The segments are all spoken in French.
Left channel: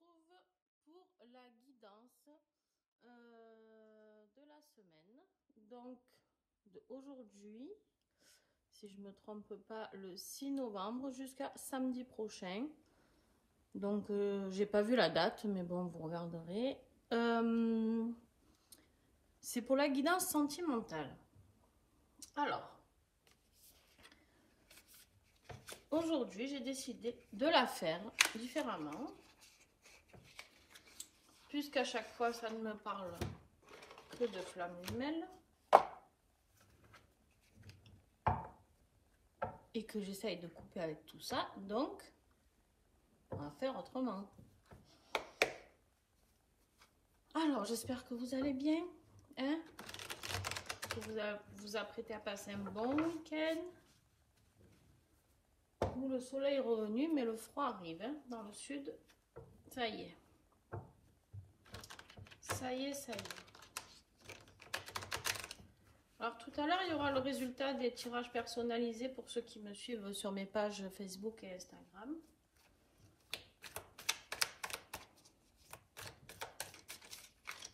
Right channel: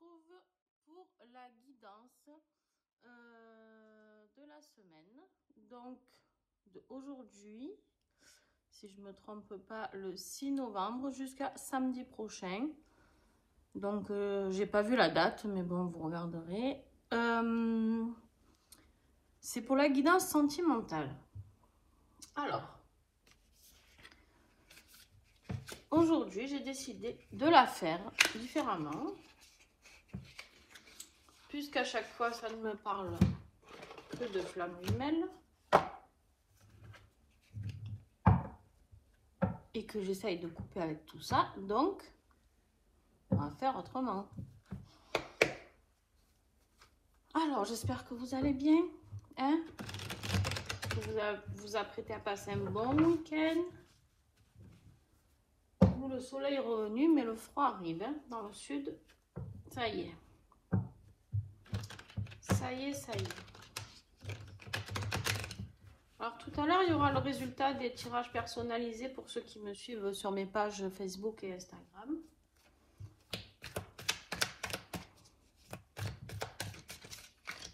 retrouve pour la guidance de la semaine. Donc, aujourd'hui, si je ne me trompe pas, le 6 novembre jusqu'à samedi prochain. Donc, j'ai pas vu la date, mais bon, vous regarderez. C'est pour la guidance sentimentale. Alors, aujourd'hui, j'ai décidé de la faire différemment. Puisqu'à chaque fois, ça ne me parle que de flammes jumelles. Et que j'essaye de couper avec tout ça. Donc, on va faire autrement. Alors, j'espère que vous allez bien. Hein? Que vous vous apprêtez à passer un bon week-end. Le soleil est revenu, mais le froid arrive hein, dans le sud. Ça y est. Ça y est, ça y est. Alors, tout à l'heure, il y aura le résultat des tirages personnalisés pour ceux qui me suivent sur mes pages Facebook et Instagram.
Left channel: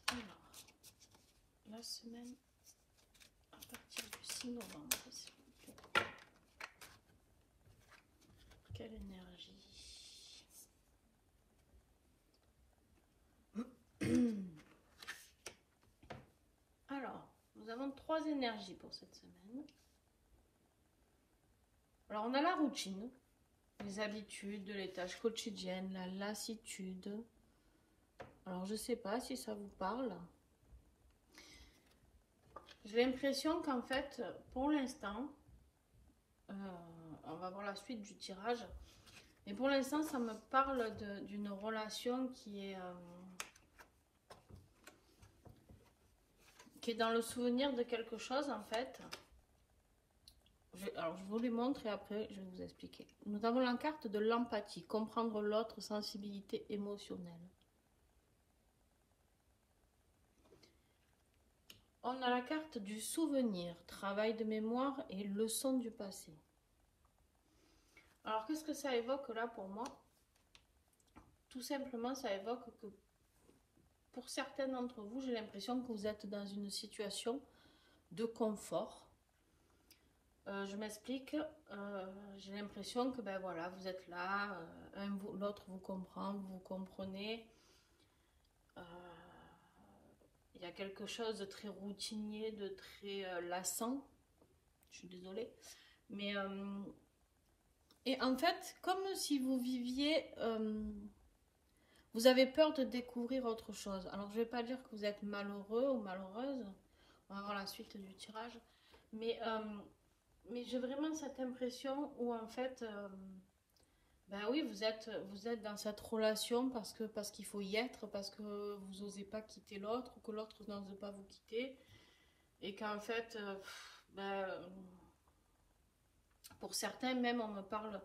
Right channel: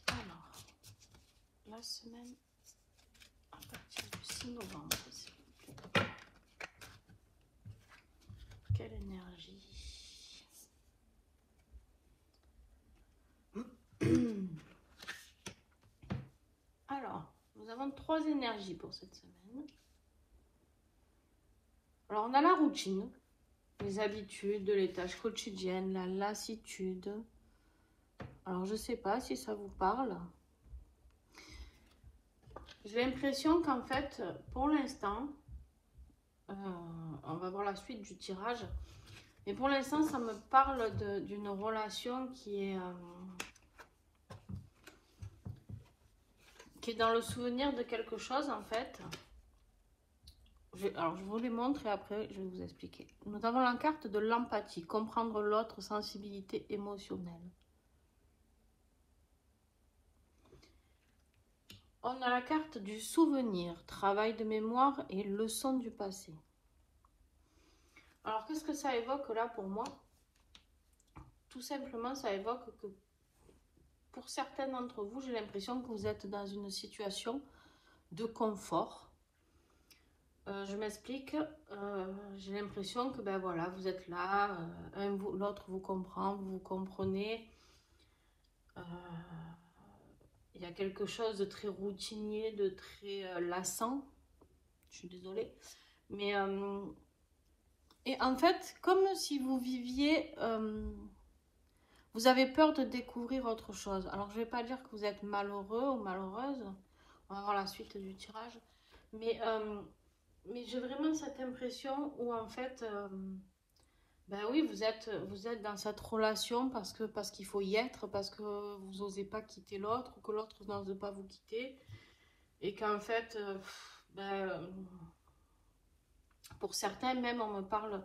Alors, la semaine à partir du 6 novembre. Quelle énergie. Alors, nous avons 3 énergies pour cette semaine. Alors, on a la routine, les habitudes, les tâches quotidiennes, la lassitude. Alors, je ne sais pas si ça vous parle. J'ai l'impression qu'en fait, pour l'instant, on va voir la suite du tirage. Mais pour l'instant, ça me parle d'une relation qui est dans le souvenir de quelque chose, en fait. Alors, je vous les montre et après, je vais vous expliquer. Nous avons la carte de l'empathie, comprendre l'autre, sensibilité émotionnelle. On a la carte du souvenir, travail de mémoire et leçon du passé. Alors, qu'est-ce que ça évoque là pour moi? Tout simplement, ça évoque que pour certains d'entre vous, j'ai l'impression que vous êtes dans une situation de confort. Je m'explique. J'ai l'impression que ben voilà, vous êtes là, l'autre vous comprend, vous comprenez. Il y a quelque chose de très routinier, de très lassant. Je suis désolée. Mais et en fait, comme si vous viviez, vous avez peur de découvrir autre chose. Alors, je ne vais pas dire que vous êtes malheureux ou malheureuse. On va voir la suite du tirage. Mais j'ai vraiment cette impression où en fait, ben oui, vous êtes dans cette relation parce qu'il faut y être, parce que vous n'osez pas quitter l'autre, que l'autre n'ose pas vous quitter. Et qu'en fait, pour certains même, on me parle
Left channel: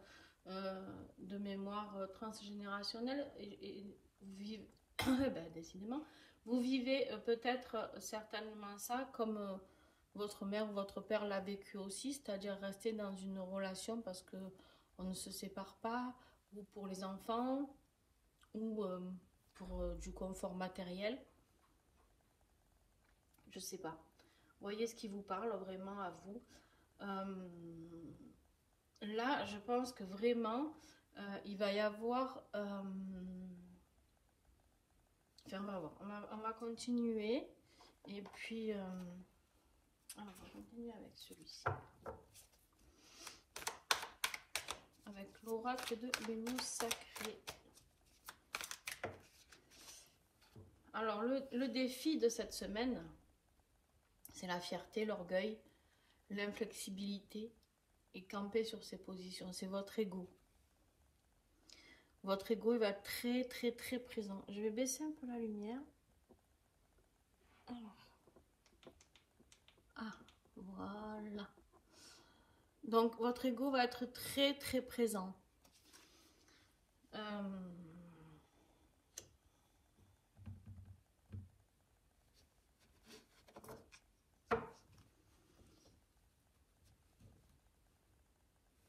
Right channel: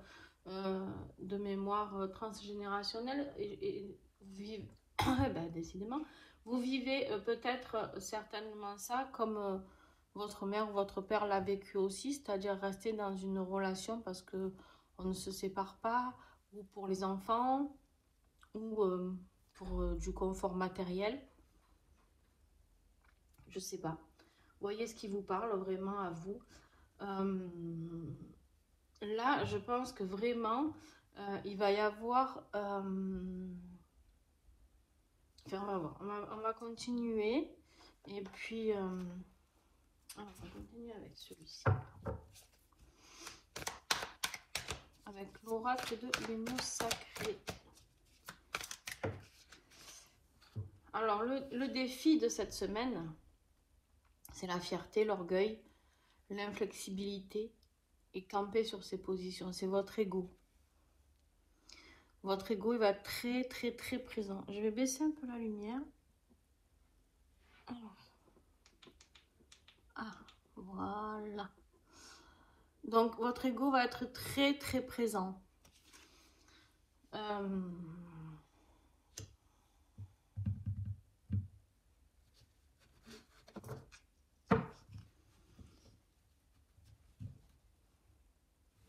de mémoire transgénérationnelle et décidément, vous vivez peut-être certainement ça comme votre mère ou votre père l'a vécu aussi, c'est-à-dire rester dans une relation parce que on ne se sépare pas, ou pour les enfants, ou pour du confort matériel. Je sais pas. Voyez ce qui vous parle vraiment à vous. Là, je pense que vraiment, il va y avoir... Enfin, on va continuer. Et puis, alors, on va continuer avec celui-ci. Avec l'oracle de l'union sacrée. Alors, le défi de cette semaine, c'est la fierté, l'orgueil, l'inflexibilité et camper sur ses positions. C'est votre ego. Votre ego, il va être très, très, très présent. Je vais baisser un peu la lumière. Alors. Ah, voilà. Donc, votre ego va être très, très présent.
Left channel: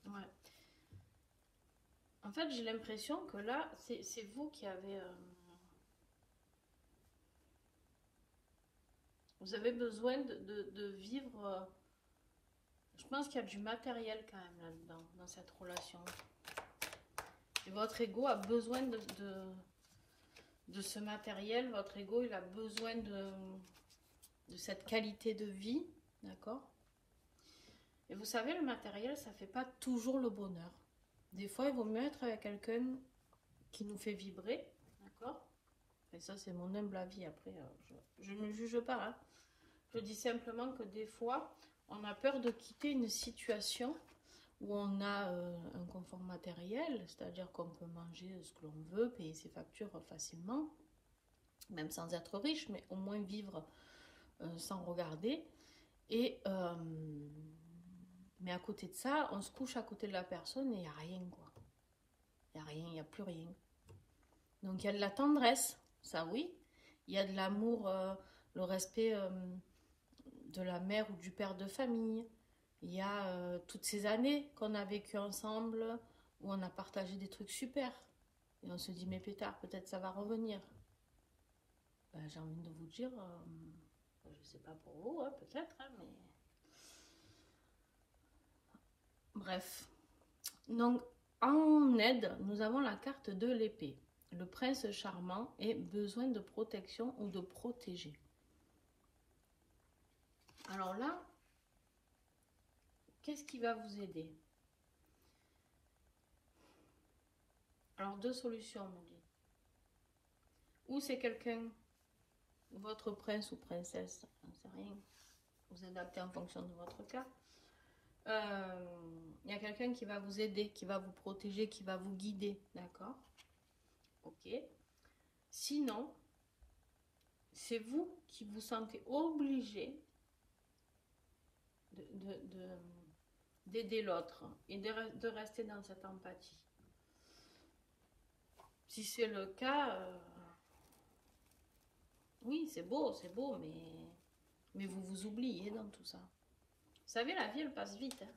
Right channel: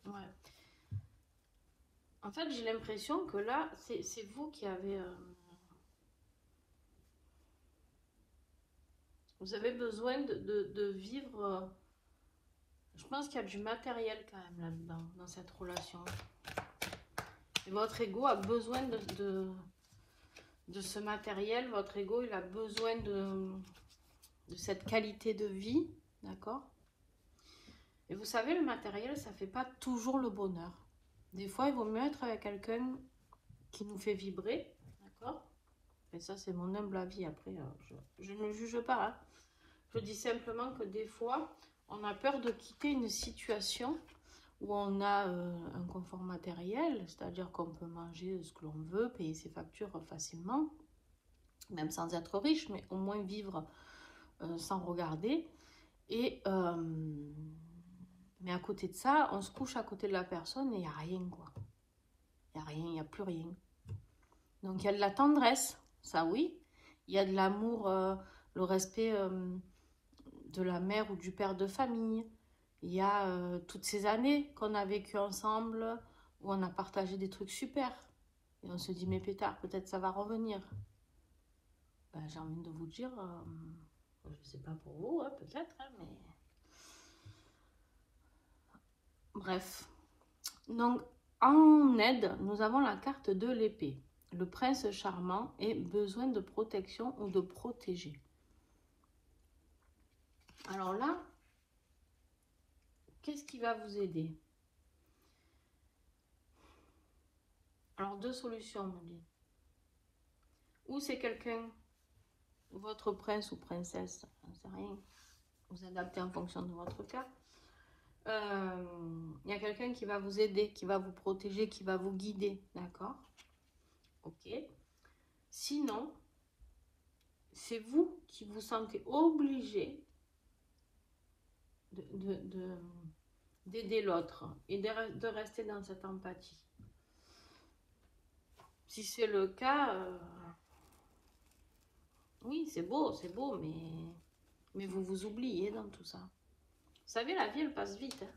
Ouais. En fait, j'ai l'impression que là, c'est vous qui avez... vous avez besoin de vivre... je pense qu'il y a du matériel quand même là-dedans, dans cette relation. Et votre ego a besoin de ce matériel. Votre ego, il a besoin de cette qualité de vie. D'accord? Et vous savez, le matériel, ça ne fait pas toujours le bonheur. Des fois, il vaut mieux être avec quelqu'un qui nous fait vibrer. D'accord? Et ça, c'est mon humble avis. Après, je ne juge pas. Hein. Je dis simplement que des fois, on a peur de quitter une situation où on a un confort matériel, c'est-à-dire qu'on peut manger ce que l'on veut, payer ses factures facilement, même sans être riche, mais au moins vivre sans regarder. Et mais à côté de ça, on se couche à côté de la personne et il n'y a rien, quoi. Il n'y a rien, il n'y a plus rien. Donc il y a de la tendresse, ça oui. Il y a de l'amour, le respect de la mère ou du père de famille. Il y a toutes ces années qu'on a vécues ensemble, où on a partagé des trucs super. Et on se dit, mais pétard, peut-être ça va revenir. Ben, j'ai envie de vous dire, je ne sais pas pour vous, hein, peut-être, hein, mais... Bref. Donc, en aide, nous avons la carte de l'épée. Le prince charmant et besoin de protection ou de protéger. Alors là, qu'est-ce qui va vous aider? Alors, deux solutions, on dit. Ou c'est quelqu'un, votre prince ou princesse, j'en sais rien, vous adaptez en fonction de votre cas. Il y a quelqu'un qui va vous aider, qui va vous protéger, qui va vous guider, d'accord? Ok. Sinon, c'est vous qui vous sentez obligé d'aider l'autre et de rester dans cette empathie. Si c'est le cas, oui, c'est beau, mais vous vous oubliez dans tout ça. Vous savez, la vie, elle passe vite. Hein,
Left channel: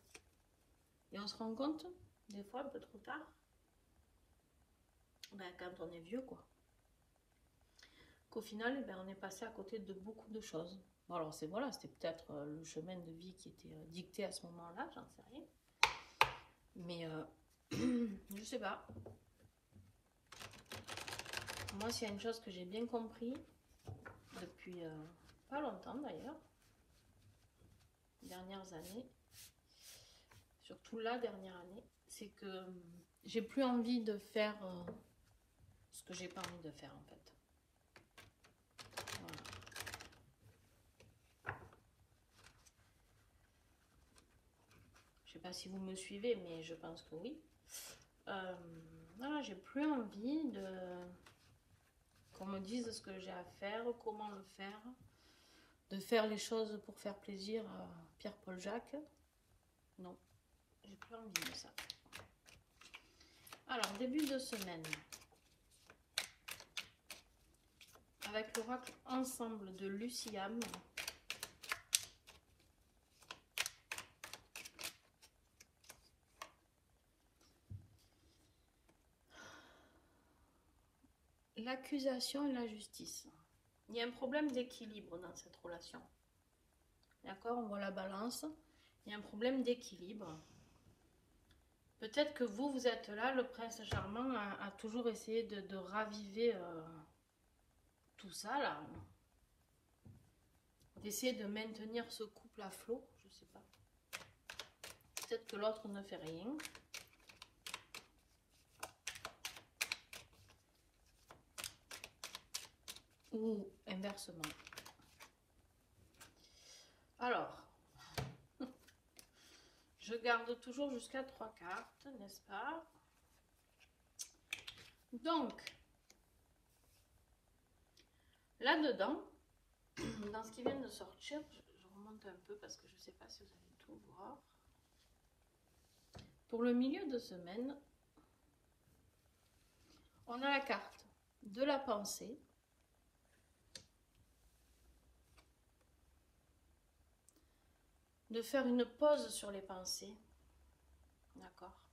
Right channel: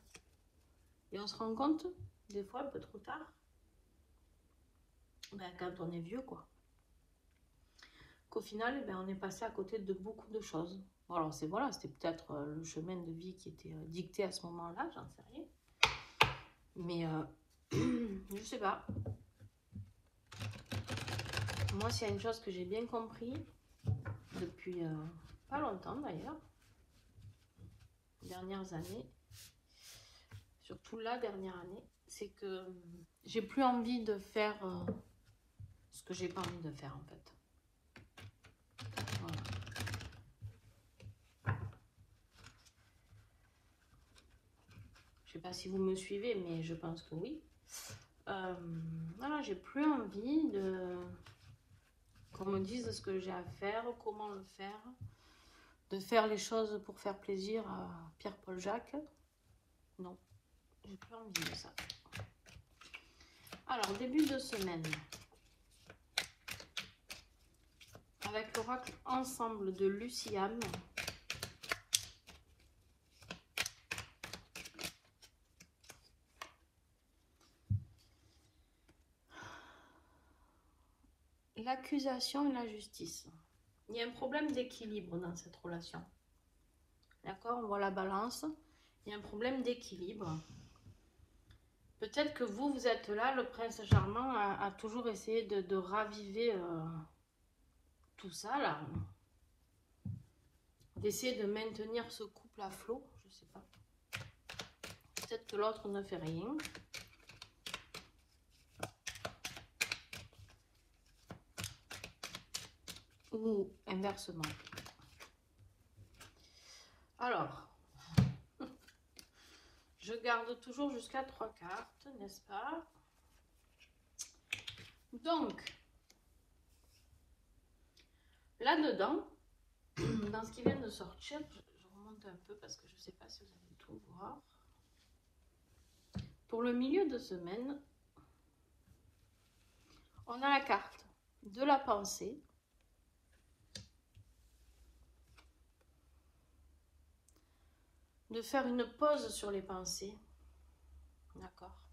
et on se rend compte, des fois, un peu trop tard, ben, quand on est vieux, quoi. Qu'au final, ben, on est passé à côté de beaucoup de choses. Bon, alors, voilà, c'était peut-être le chemin de vie qui était dicté à ce moment-là, j'en sais rien. Mais, je sais pas. Moi, s'il y a une chose que j'ai bien compris, depuis pas longtemps d'ailleurs, les dernières années, surtout la dernière année, c'est que j'ai plus envie de faire ce que j'ai pas envie de faire en fait. Voilà. Je sais pas si vous me suivez, mais je pense que oui. Voilà, j'ai plus envie qu'on me dise ce que j'ai à faire, comment le faire, de faire les choses pour faire plaisir à Pierre-Paul Jacques. Non, j'ai plus envie de ça. Alors, début de semaine. Avec l'oracle Ensemble de Luciane. L'accusation et la justice. Il y a un problème d'équilibre dans cette relation. D'accord? On voit la balance. Il y a un problème d'équilibre. Peut-être que vous êtes là, le prince charmant a toujours essayé de raviver tout ça, là. D'essayer de maintenir ce couple à flot, je sais pas. Peut-être que l'autre ne fait rien. Ou inversement. Alors, je garde toujours jusqu'à 3 cartes, n'est-ce pas? Donc, là-dedans, dans ce qui vient de sortir, je remonte un peu parce que je ne sais pas si vous allez tout voir. Pour le milieu de semaine, on a la carte de la pensée. De faire une pause sur les pensées. D'accord.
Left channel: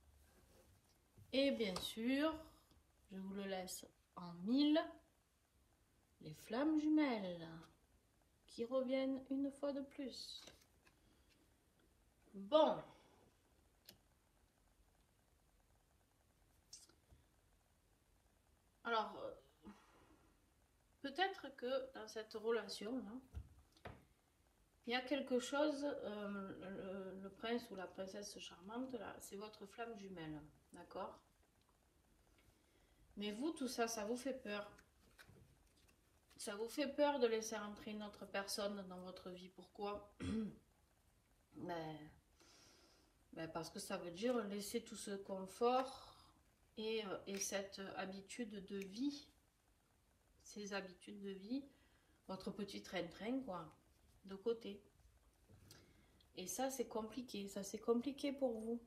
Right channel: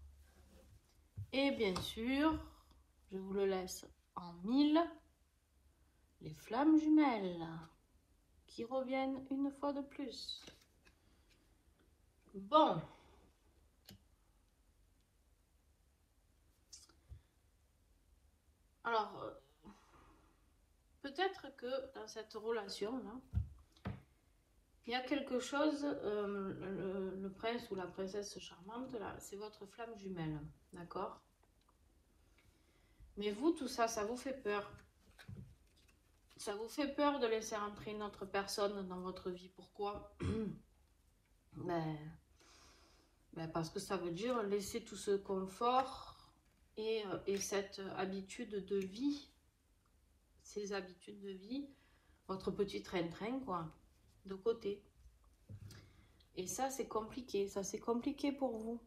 Et bien sûr, je vous le laisse en 1000, les flammes jumelles qui reviennent une fois de plus. Bon. Alors, peut-être que dans cette relation-là, il y a quelque chose, le prince ou la princesse charmante, là, c'est votre flamme jumelle, d'accord? Mais vous, tout ça, ça vous fait peur. Ça vous fait peur de laisser entrer une autre personne dans votre vie. Pourquoi? Parce que ça veut dire laisser tout ce confort et cette habitude de vie, ces habitudes de vie, votre petit train-train, quoi, de côté. Et ça, c'est compliqué. Ça, c'est compliqué pour vous.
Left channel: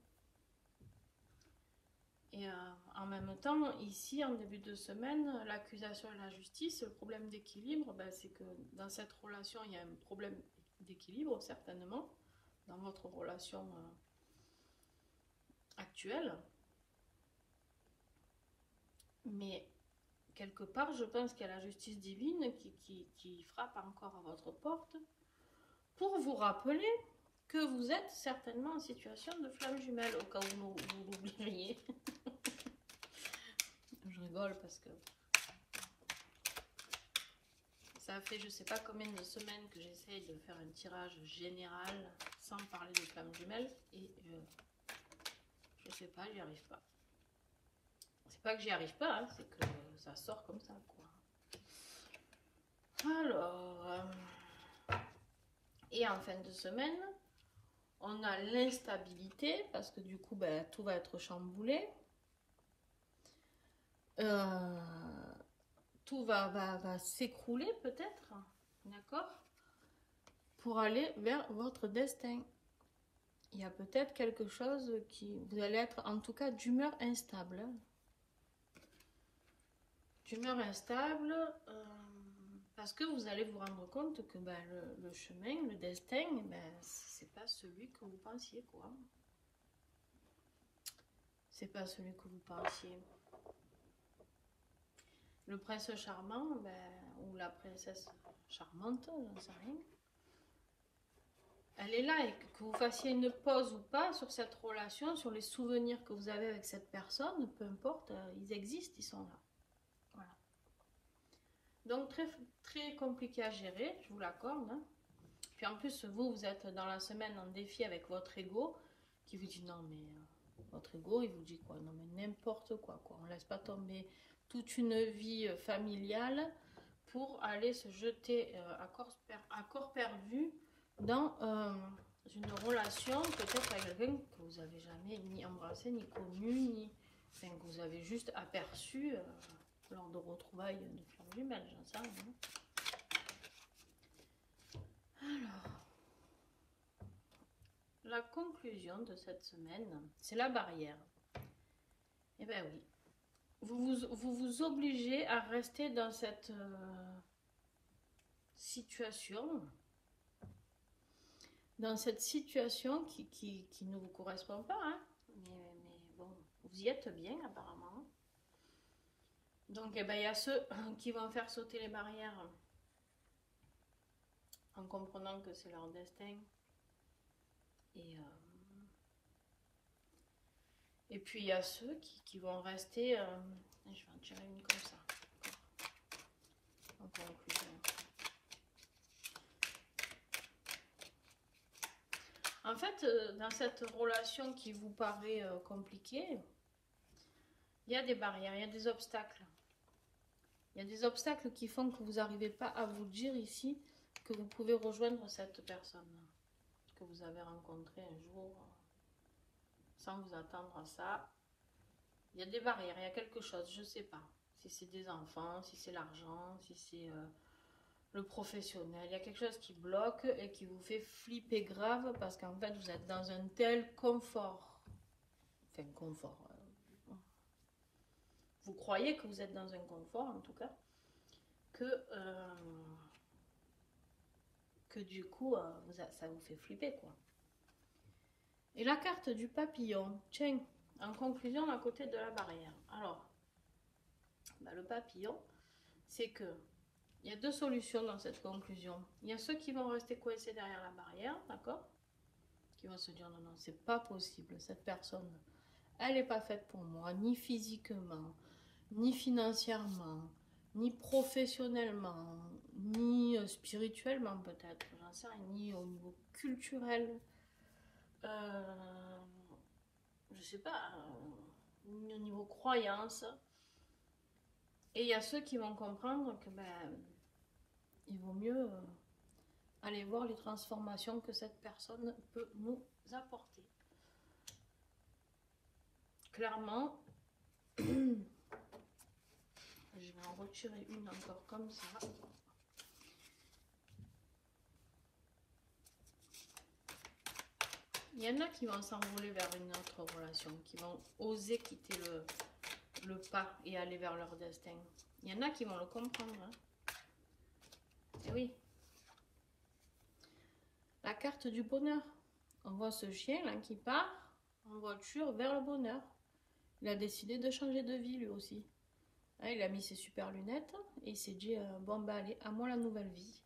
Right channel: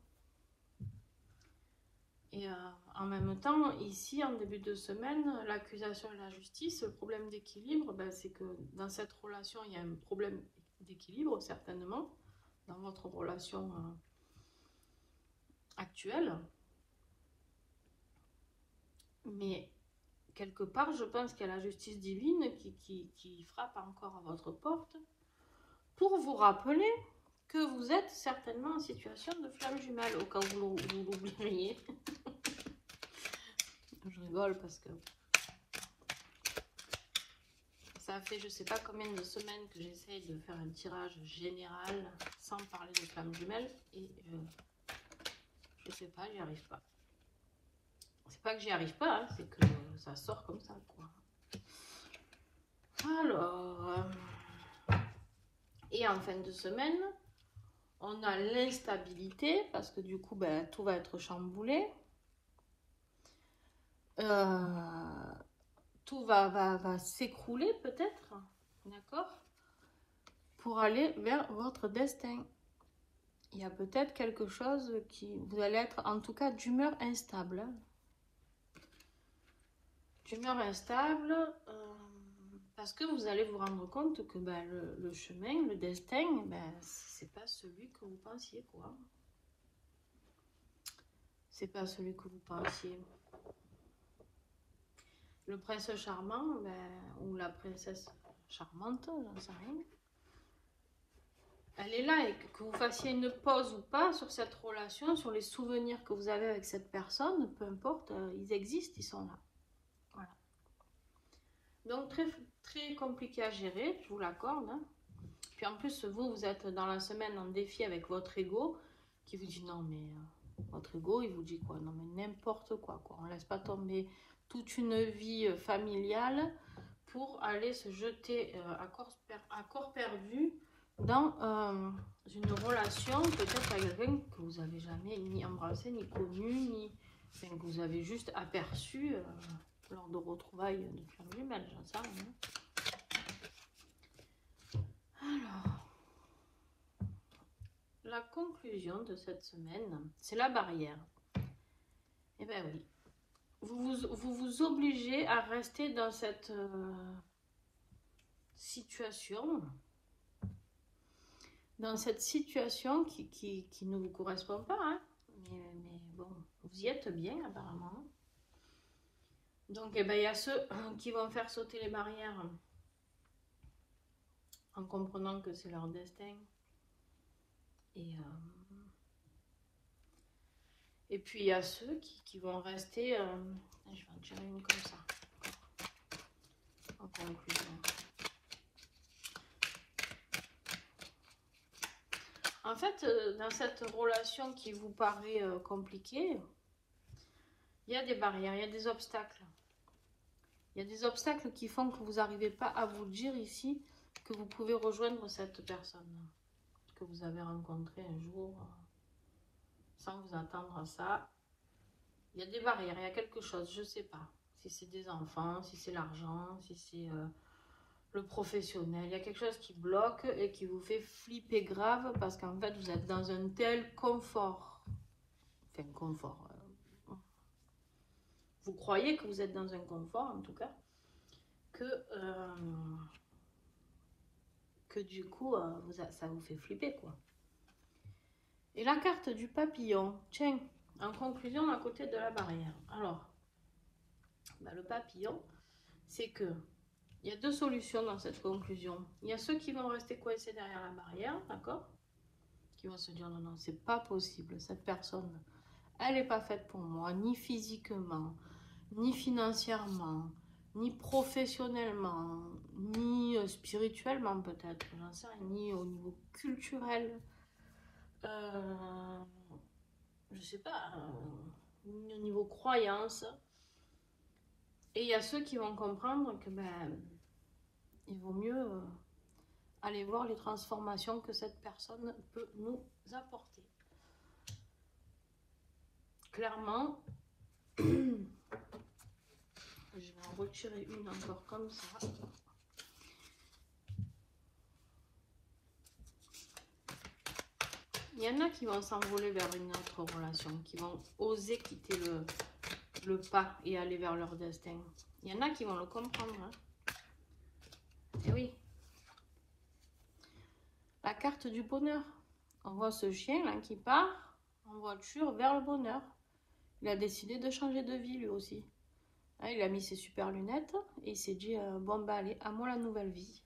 Et en même temps, ici, en début de semaine, l'accusation et la justice, le problème d'équilibre, c'est que dans cette relation, il y a un problème d'équilibre, certainement, dans votre relation actuelle. Mais quelque part, je pense qu'il y a la justice divine qui frappe encore à votre porte pour vous rappeler que vous êtes certainement en situation de flamme jumelle, au cas où vous l'oublieriez. Je rigole parce que ça fait je sais pas combien de semaines que j'essaye de faire un tirage général sans parler de flamme jumelle et je sais pas, j'y arrive pas. C'est pas que j'y arrive pas, hein, c'est que ça sort comme ça, quoi. Alors, et en fin de semaine, on a l'instabilité parce que du coup, tout va être chamboulé. Tout va s'écrouler peut-être, d'accord, pour aller vers votre destin. Il y a peut-être quelque chose qui... Vous allez être en tout cas d'humeur instable. Hein. D'humeur instable, parce que vous allez vous rendre compte que le chemin, le destin, c'est pas celui que vous pensiez, quoi. C'est pas celui que vous pensiez. Le prince charmant, ou la princesse charmante, j'en sais rien. Elle est là et que vous fassiez une pause ou pas sur cette relation, sur les souvenirs que vous avez avec cette personne, peu importe, ils existent, ils sont là. Voilà. Donc très, très compliqué à gérer, je vous l'accorde. Hein. Puis en plus, vous êtes dans la semaine en défi avec votre ego qui vous dit non mais votre ego, il vous dit quoi? Non mais n'importe quoi, quoi. On ne laisse pas tomber toute une vie familiale pour aller se jeter à corps perdu dans une relation peut-être avec quelqu'un que vous n'avez jamais ni embrassé, ni connu, ni que vous avez juste aperçu lors de retrouvailles de flamme jumelle, j'en sais rien. Alors, la conclusion de cette semaine, c'est la barrière. Eh bien oui, vous obligez à rester dans cette situation, qui ne vous correspond pas, hein. Mais bon, vous y êtes bien apparemment. Donc il y a ceux qui vont faire sauter les barrières en comprenant que c'est leur destin. Et puis il y a ceux qui vont rester, je vais en tirer une comme ça, en conclusion. En fait, dans cette relation qui vous paraît compliquée, il y a des barrières, il y a des obstacles. Il y a des obstacles qui font que vous n'arrivez pas à vous dire ici que vous pouvez rejoindre cette personne que vous avez rencontrée un jour sans vous attendre à ça. Il y a des barrières, il y a quelque chose, je ne sais pas. Si c'est des enfants, si c'est l'argent, si c'est le professionnel. Il y a quelque chose qui bloque et qui vous fait flipper grave parce qu'en fait, vous êtes dans un tel confort. Enfin, confort. Vous croyez que vous êtes dans un confort, en tout cas, que du coup, ça vous fait flipper, quoi. Et la carte du papillon, tiens, En conclusion, à côté de la barrière. Alors, le papillon, c'est que il y a deux solutions dans cette conclusion. Il y a ceux qui vont rester coincés derrière la barrière, d'accord? Qui vont se dire non, non, c'est pas possible. Cette personne, elle n'est pas faite pour moi, ni physiquement, ni financièrement, ni professionnellement, ni spirituellement peut-être, j'en sais rien, ni au niveau culturel, je sais pas, ni au niveau croyance. Et il y a ceux qui vont comprendre que ben, il vaut mieux aller voir les transformations que cette personne peut nous apporter. Clairement, je vais en retirer une encore comme ça. Il y en a qui vont s'envoler vers une autre relation, qui vont oser quitter le pas et aller vers leur destin. Il y en a qui vont le comprendre. Hein. Et oui. La carte du bonheur. On voit ce chien là qui part en voiture vers le bonheur. Il a décidé de changer de vie lui aussi. Hein, il a mis ses super lunettes et il s'est dit bon bah allez, à moi la nouvelle vie.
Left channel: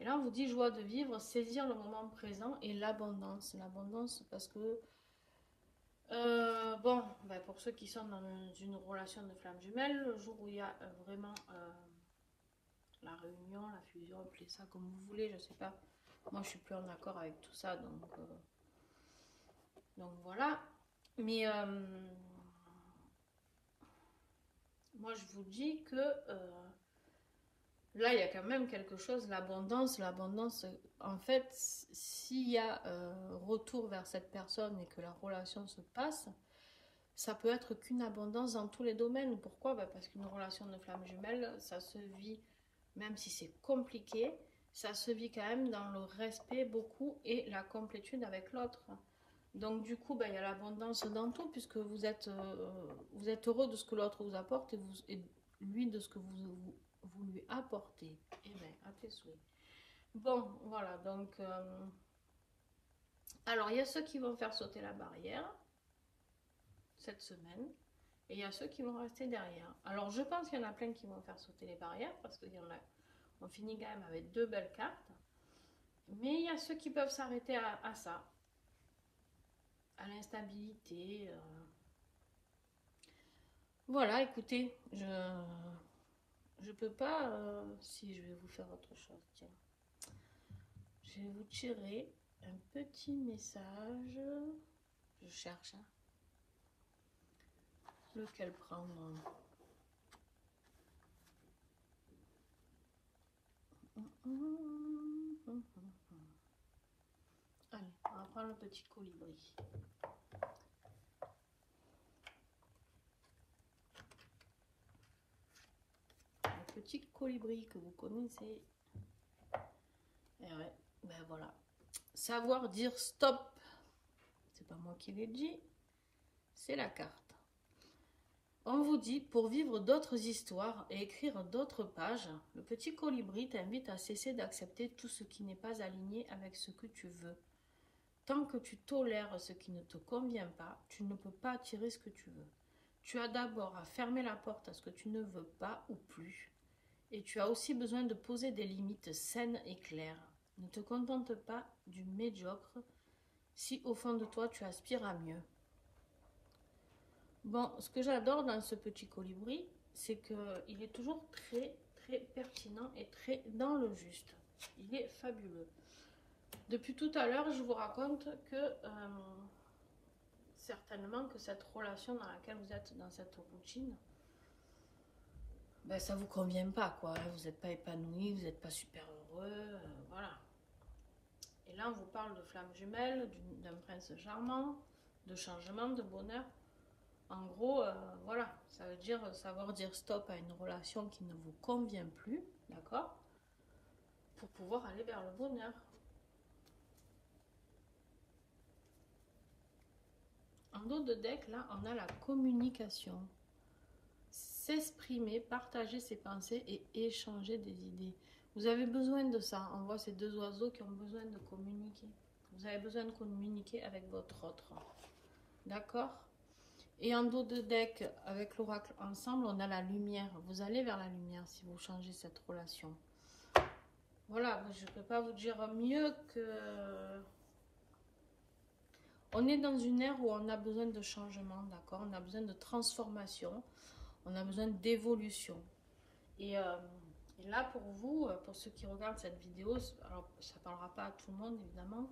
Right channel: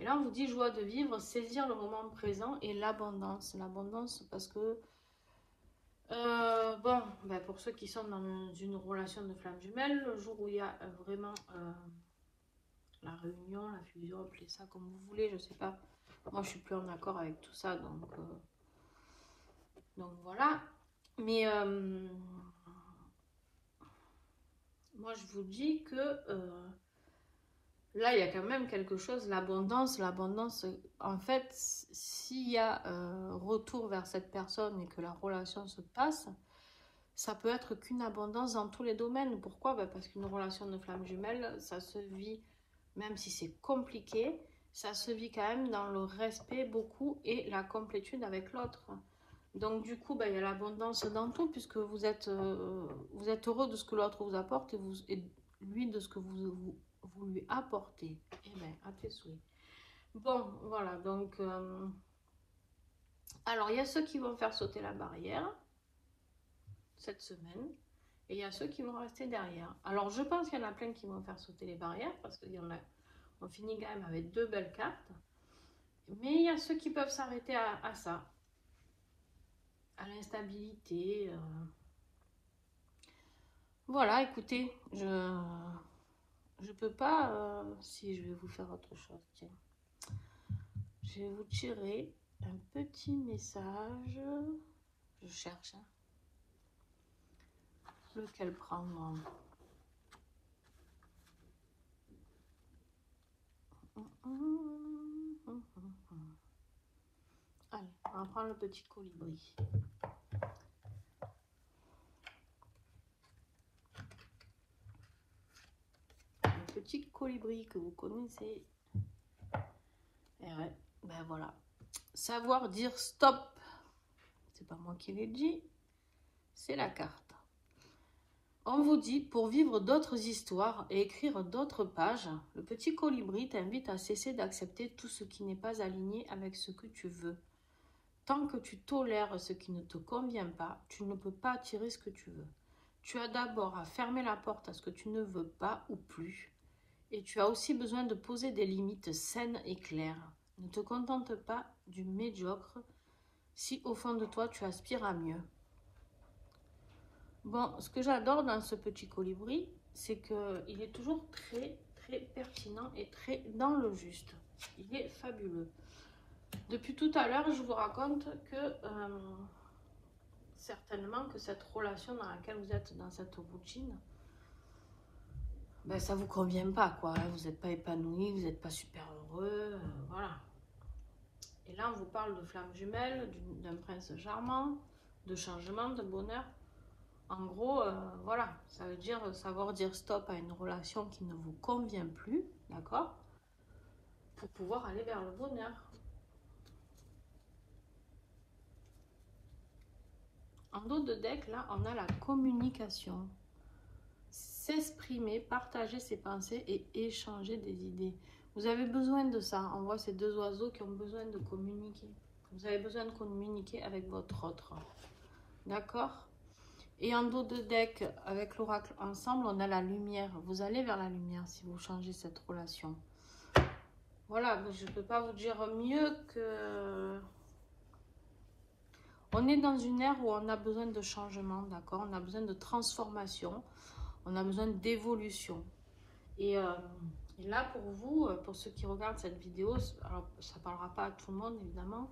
Et là on vous dit joie de vivre, saisir le moment présent et l'abondance. L'abondance parce que bon, bah pour ceux qui sont dans une relation de flamme jumelle, le jour où il y a vraiment la réunion, la fusion, appelez ça comme vous voulez, je sais pas. Moi je suis plus en accord avec tout ça, donc voilà. Mais moi je vous dis que là il y a quand même quelque chose, l'abondance, en fait, s'il y a un retour vers cette personne et que la relation se passe, ça peut être qu'une abondance dans tous les domaines. Pourquoi? Parce qu'une relation de flamme jumelle, ça se vit, même si c'est compliqué, ça se vit quand même dans le respect beaucoup et la complétude avec l'autre. Donc du coup, il y a l'abondance dans tout, puisque vous êtes heureux de ce que l'autre vous apporte et lui de ce que vous lui apportez. Et bien, à tes souhaits. Bon, voilà, donc... alors, il y a ceux qui vont faire sauter la barrière cette semaine. Et il y a ceux qui vont rester derrière. Alors, je pense qu'il y en a plein qui vont faire sauter les barrières, parce qu'il y en a... On finit quand même avec deux belles cartes. Mais il y a ceux qui peuvent s'arrêter à ça. À l'instabilité. Voilà, écoutez, je peux pas... si, je vais vous faire autre chose, tiens. Je vais vous tirer un petit message. Je cherche. Hein. Lequel prendre? Allez, on va prendre le petit colibri. Le petit colibri que vous connaissez. Et ouais, ben voilà. Savoir dire stop. C'est pas moi qui l'ai dit. C'est la carte. On vous dit, pour vivre d'autres histoires et écrire d'autres pages, le petit colibri t'invite à cesser d'accepter tout ce qui n'est pas aligné avec ce que tu veux. Tant que tu tolères ce qui ne te convient pas, tu ne peux pas attirer ce que tu veux. Tu as d'abord à fermer la porte à ce que tu ne veux pas ou plus. Et tu as aussi besoin de poser des limites saines et claires. Ne te contente pas du médiocre si au fond de toi tu aspires à mieux. Bon, ce que j'adore dans ce petit colibri, c'est qu'il est toujours très, très pertinent et très dans le juste. Il est fabuleux. Depuis tout à l'heure, je vous raconte que certainement que cette relation dans laquelle vous êtes, dans cette routine, ça vous convient pas, quoi. Vous n'êtes pas épanoui, vous n'êtes pas super heureux, voilà. Et là, on vous parle de flamme jumelle, d'un prince charmant, de changement, de bonheur. En gros, voilà, ça veut dire savoir dire stop à une relation qui ne vous convient plus, d'accord? Pour pouvoir aller vers le bonheur. En dos de deck, là, on a la communication. S'exprimer, partager ses pensées et échanger des idées. Vous avez besoin de ça. On voit ces deux oiseaux qui ont besoin de communiquer. Vous avez besoin de communiquer avec votre autre. D'accord? Et en dos de deck, avec l'oracle ensemble, on a la lumière. Vous allez vers la lumière si vous changez cette relation. Voilà, je ne peux pas vous dire mieux que... On est dans une ère où on a besoin de changement, d'accord? On a besoin de transformation, on a besoin d'évolution. Et là, pour vous, pour ceux qui regardent cette vidéo, alors ça ne parlera pas à tout le monde, évidemment,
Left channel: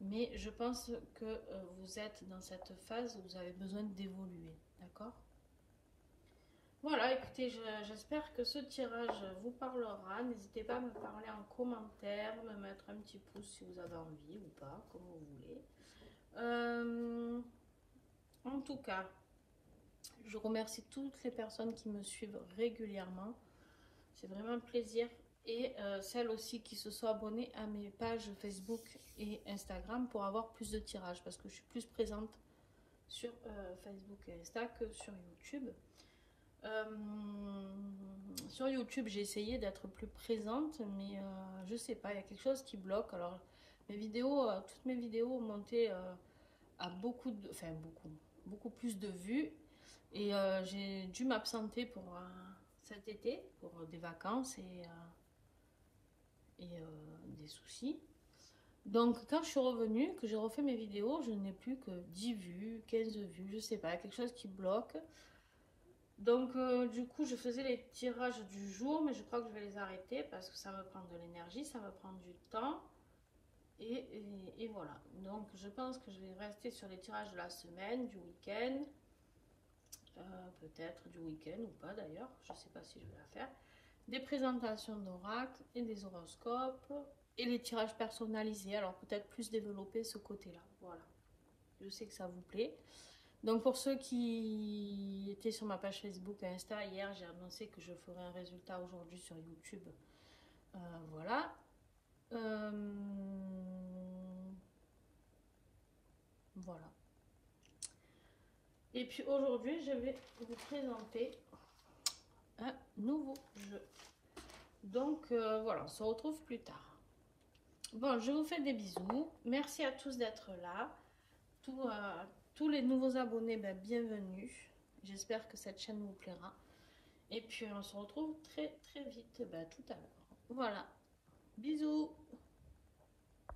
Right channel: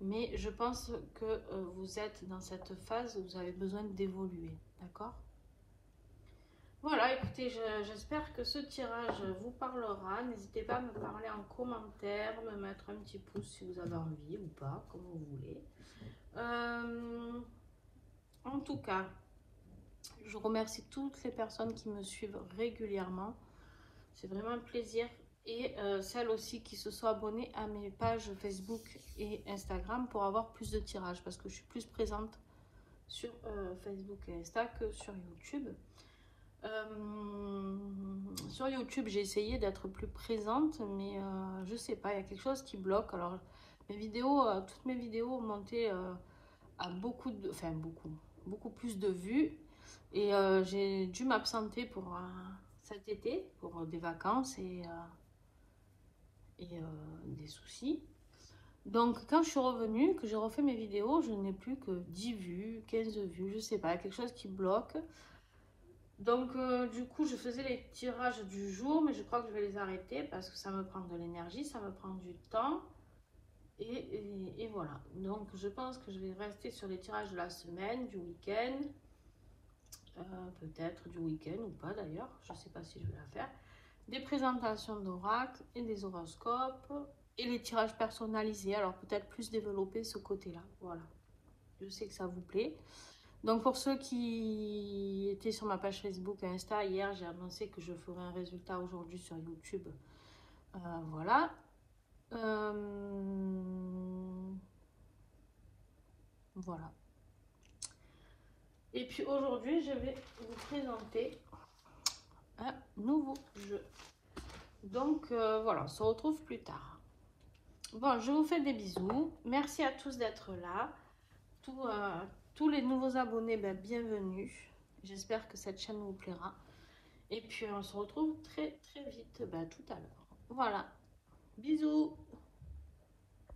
mais je pense que vous êtes dans cette phase où vous avez besoin d'évoluer, d'accord? Voilà, écoutez, j'espère que ce tirage vous parlera. N'hésitez pas à me parler en commentaire, me mettre un petit pouce si vous avez envie ou pas, comme vous voulez. En tout cas, je remercie toutes les personnes qui me suivent régulièrement. C'est vraiment un plaisir. Et celles aussi qui se sont abonnées à mes pages Facebook et Instagram pour avoir plus de tirages. Parce que je suis plus présente sur Facebook et Insta que sur YouTube. Sur YouTube, j'ai essayé d'être plus présente, mais je sais pas, il y a quelque chose qui bloque. Alors, mes vidéos, toutes mes vidéos ont monté à beaucoup plus de vues. Et j'ai dû m'absenter pour cet été, pour des vacances et des soucis. Donc, quand je suis revenue, que j'ai refait mes vidéos, je n'ai plus que 10 vues, 15 vues, je sais pas, il y a quelque chose qui bloque. Donc, du coup, je faisais les tirages du jour, mais je crois que je vais les arrêter parce que ça me prend de l'énergie, ça me prend du temps. Et voilà. Donc, je pense que je vais rester sur les tirages de la semaine, du week-end. Peut-être du week-end ou pas d'ailleurs. Je ne sais pas si je vais la faire. Des présentations d'oracle et des horoscopes. Et les tirages personnalisés. Alors, peut-être plus développer ce côté-là. Voilà. Je sais que ça vous plaît. Donc pour ceux qui étaient sur ma page Facebook et Insta, hier j'ai annoncé que je ferai un résultat aujourd'hui sur YouTube. Voilà. Voilà. Et puis aujourd'hui je vais vous présenter un nouveau jeu. Donc voilà, on se retrouve plus tard. Bon, je vous fais des bisous. Merci à tous d'être là. Tous les nouveaux abonnés, bienvenue. J'espère que cette chaîne vous plaira. Et puis on se retrouve très très vite tout à l'heure. Voilà. Bisous.